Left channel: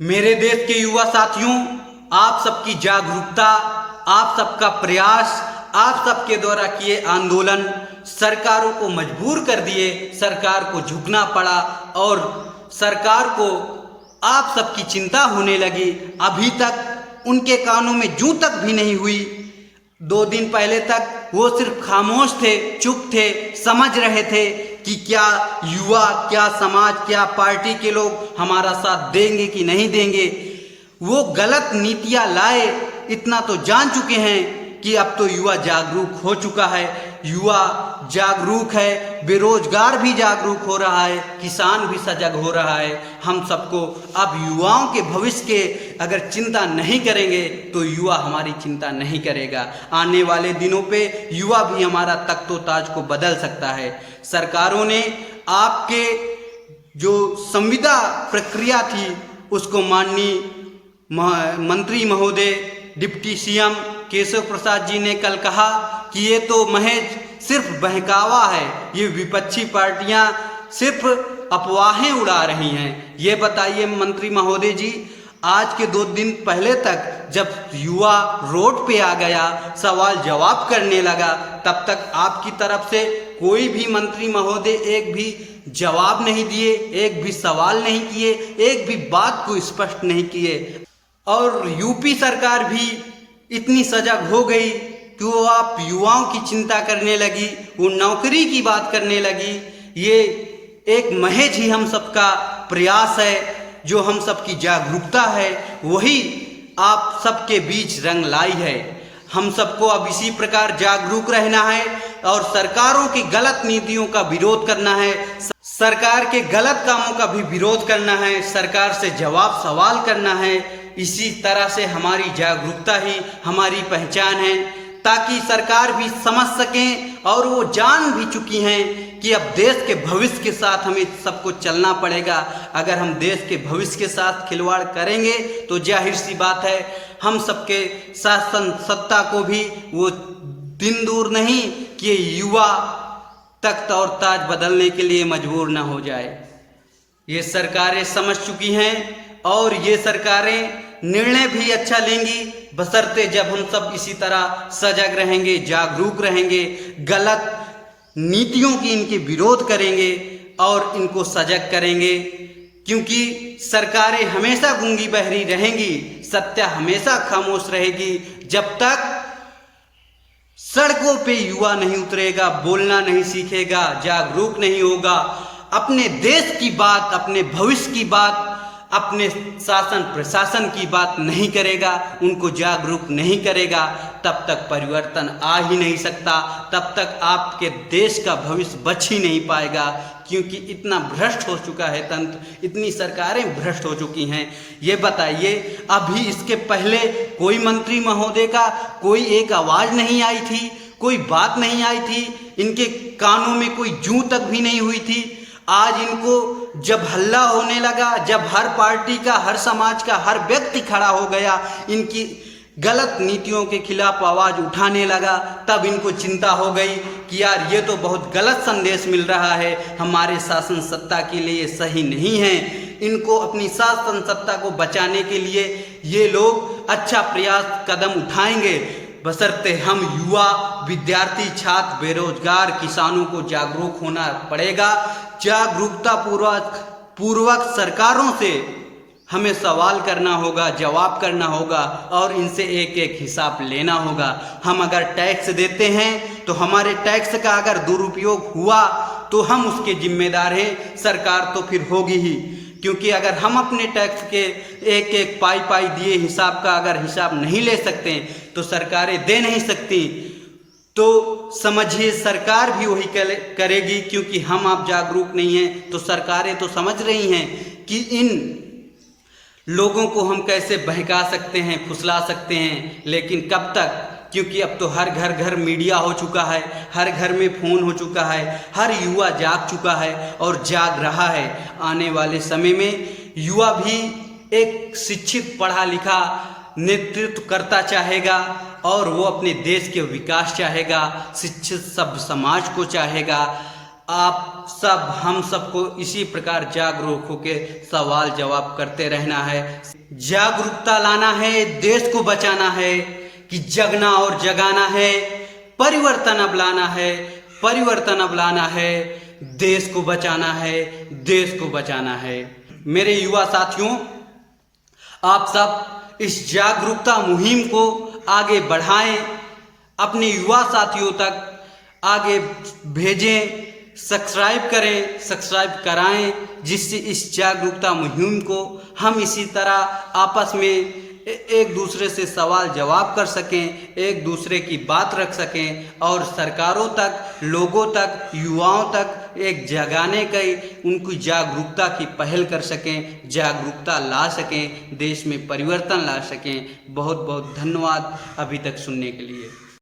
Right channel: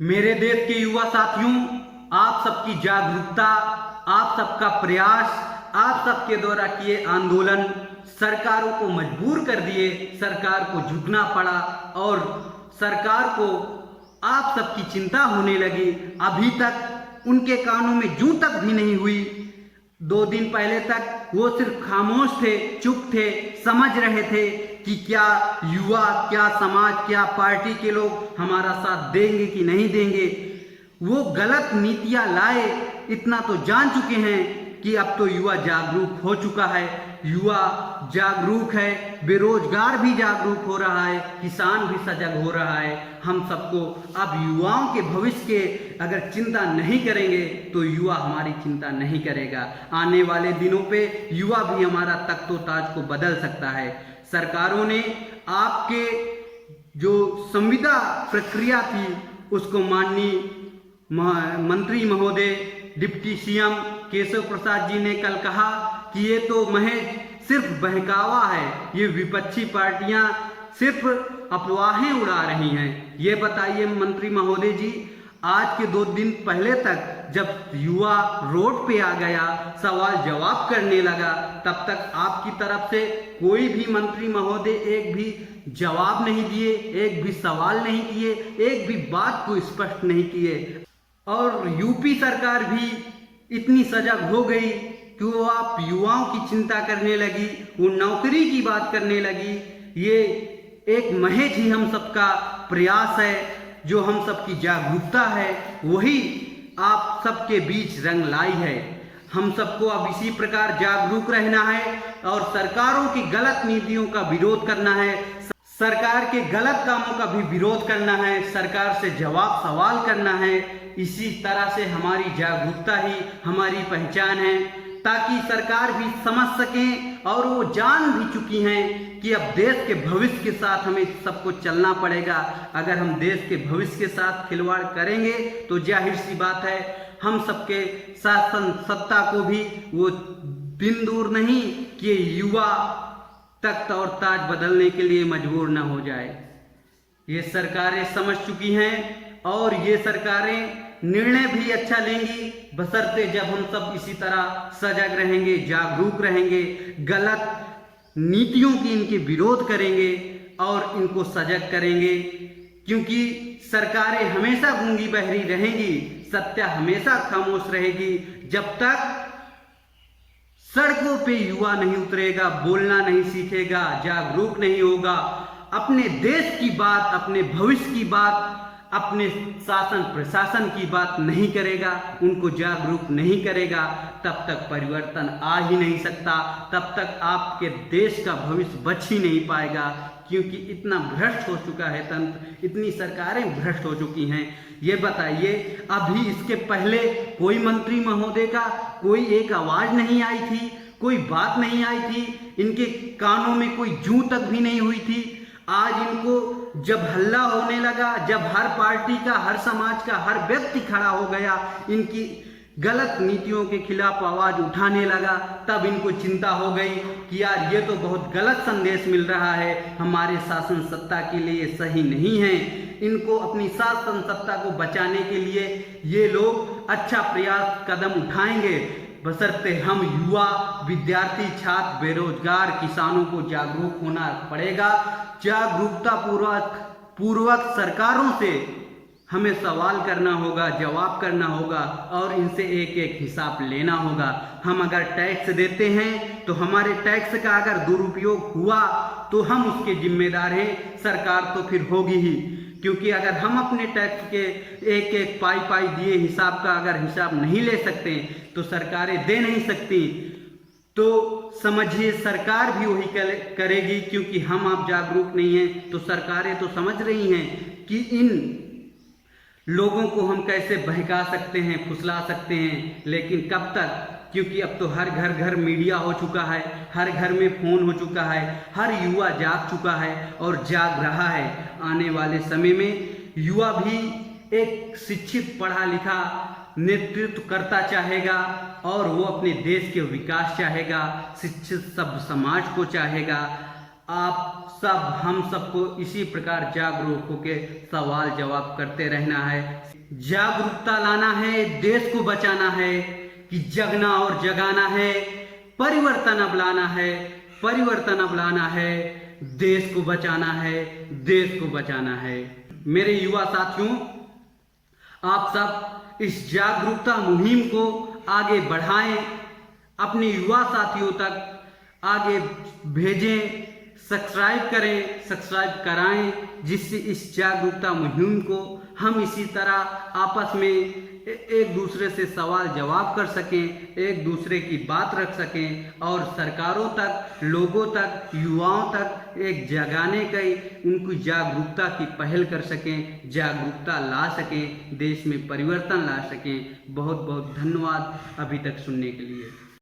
मेरे देश के युवा साथियों, आप सबकी जागरूकता, आप सबका प्रयास, आप सबके द्वारा किए आंदोलन सरकारों को मजबूर कर दिए, सरकार को झुकना पड़ा और सरकार को आप सबकी चिंता होने लगी। अभी तक उनके कानों में जूं तक भी नहीं हुई। 2 दिन पहले तक वो सिर्फ खामोश थे, चुप थे, समझ रहे थे कि क्या युवा, क्या समाज, क्या पार्टी के लोग हमारा साथ देंगे कि नहीं देंगे। वो गलत नीतियां लाए, इतना तो जान चुके हैं कि अब तो युवा जागरूक हो चुका है। युवा जागरूक है, बेरोजगार भी जागरूक हो रहा है, किसान भी सजग हो रहा है। हम सबको अब युवाओं के भविष्य के अगर चिंता नहीं करेंगे तो युवा हमारी चिंता नहीं करेगा। आने वाले दिनों पे युवा भी हमारा तख्तो-ताज को बदल सकता है। सरकारों ने आपके जो संविदा प्रक्रिया थी उसको माननीय मंत्री महोदय डिप्टी सीएम केशव प्रसाद जी ने कल कहा कि ये तो महज सिर्फ बहकावा है, ये विपक्षी पार्टियां सिर्फ अफवाहें उड़ा रही हैं। ये बताइए मंत्री महोदय जी, आज के 2 दिन पहले तक जब युवा रोड पे आ गया, सवाल जवाब करने लगा, तब तक आपकी तरफ से कोई भी मंत्री महोदय एक भी जवाब नहीं दिए, एक भी सवाल नहीं किए, एक भी बात को स्पष्ट नहीं किए। और यूपी सरकार भी इतनी सजग हो गई कि वो आप युवाओं की चिंता करने लगी, वो नौकरी की बात करने लगी। ये एक महज ही हम सबका प्रयास है, जो हम सबकी जागरूकता है, वही आप सबके बीच रंग लाई है। हम सबको अब इसी प्रकार जागरूक रहना है और सरकारों की गलत नीतियों का विरोध करना है, सरकार के गलत कामों का भी विरोध करना है, सरकार से जवाब सवाल करना है। इसी तरह से हमारी जागरूकता ही हमारी पहचान है, ताकि सरकार भी समझ सकें और वो जान भी चुकी हैं कि अब देश के भविष्य के साथ हमें सबको चलना पड़ेगा। अगर हम देश के भविष्य के साथ खिलवाड़ करेंगे तो जाहिर सी बात है हम सबके शासन सत्ता को भी वो दिन दूर नहीं कि युवा तख्त और ताज बदलने के लिए मजबूर ना हो जाए। ये सरकारें समझ चुकी हैं और ये सरकारें निर्णय भी अच्छा लेंगी, बशर्ते जब हम सब इसी तरह सजग रहेंगे, जागरूक रहेंगे, गलत नीतियों की इनके विरोध करेंगे और इनको सजग करेंगे। क्योंकि सरकारें हमेशा गूंगी बहरी रहेंगी, सत्य हमेशा खामोश रहेगी। जब तक सड़कों पे युवा नहीं उतरेगा, बोलना नहीं सीखेगा, जागरूक नहीं होगा, अपने देश की बात, अपने भविष्य की बात, अपने शासन प्रशासन की बात नहीं करेगा, उनको जागरूक नहीं करेगा, तब तक परिवर्तन आ ही नहीं सकता, तब तक आपके देश का भविष्य बच ही नहीं पाएगा। क्योंकि इतना भ्रष्ट हो चुका है तंत्र, इतनी सरकारें भ्रष्ट हो चुकी हैं। ये बताइए, अभी इसके पहले कोई मंत्री महोदय का कोई एक आवाज़ नहीं आई थी, कोई बात नहीं आई थी, इनके कानों में कोई जूं तक भी नहीं हुई थी। आज इनको जब हल्ला होने लगा, जब हर पार्टी का, हर समाज का, हर व्यक्ति खड़ा हो गया, इनकी गलत नीतियों के खिलाफ आवाज़ उठाने लगा, तब इनको चिंता हो गई कि यार ये तो बहुत गलत संदेश मिल रहा है, हमारे शासन सत्ता के लिए सही नहीं है। इनको अपनी शासन सत्ता को बचाने के लिए ये लोग अच्छा प्रयास कदम उठाएंगे, बशर्ते हम युवा, विद्यार्थी, छात्र, बेरोजगार, किसानों को जागरूक होना पड़ेगा। जागरूकता पूर्वक सरकारों से हमें सवाल करना होगा, जवाब करना होगा और इनसे एक एक हिसाब लेना होगा। हम अगर टैक्स देते हैं तो हमारे टैक्स का अगर दुरुपयोग हुआ तो हम उसके जिम्मेदार हैं, सरकार तो फिर होगी ही। क्योंकि अगर हम अपने टैक्स के एक एक पाई दिए हिसाब का अगर हिसाब नहीं ले सकते तो सरकारें दे नहीं सकती, तो समझिए सरकार भी वही करेगी। क्योंकि हम आप जागरूक नहीं हैं तो सरकारें तो समझ रही हैं कि इन लोगों को हम कैसे बहका सकते हैं, फुसला सकते हैं, लेकिन कब तक। क्योंकि अब तो हर घर मीडिया हो चुका है, हर घर में फ़ोन हो चुका है, हर युवा जाग चुका है और जाग रहा है। आने वाले समय में युवा भी एक शिक्षित, पढ़ा लिखा नेतृत्व करता चाहेगा और वो अपने देश के विकास चाहेगा, शिक्षित सभ्य समाज को चाहेगा आप सब हम सबको इसी प्रकार जागरूक होकर सवाल जवाब करते रहना है, जागरूकता लाना है, देश को बचाना है, कि जगना और जगाना है, परिवर्तन अब लाना है, परिवर्तन अब लाना है, देश को बचाना है, देश को बचाना है। मेरे युवा साथियों, आप सब इस जागरूकता मुहिम को आगे बढ़ाएं, अपने युवा साथियों तक आगे भेजें, सब्सक्राइब करें, सब्सक्राइब कराएं, जिससे इस जागरूकता मुहिम को हम इसी तरह आपस में एक दूसरे से सवाल जवाब कर सकें, एक दूसरे की बात रख सकें और सरकारों तक, लोगों तक, युवाओं तक एक जगाने की, उनकी जागरूकता की पहल कर सकें, जागरूकता ला सकें, देश में परिवर्तन ला सकें। बहुत बहुत धन्यवाद अभी तक सुनने के लिए।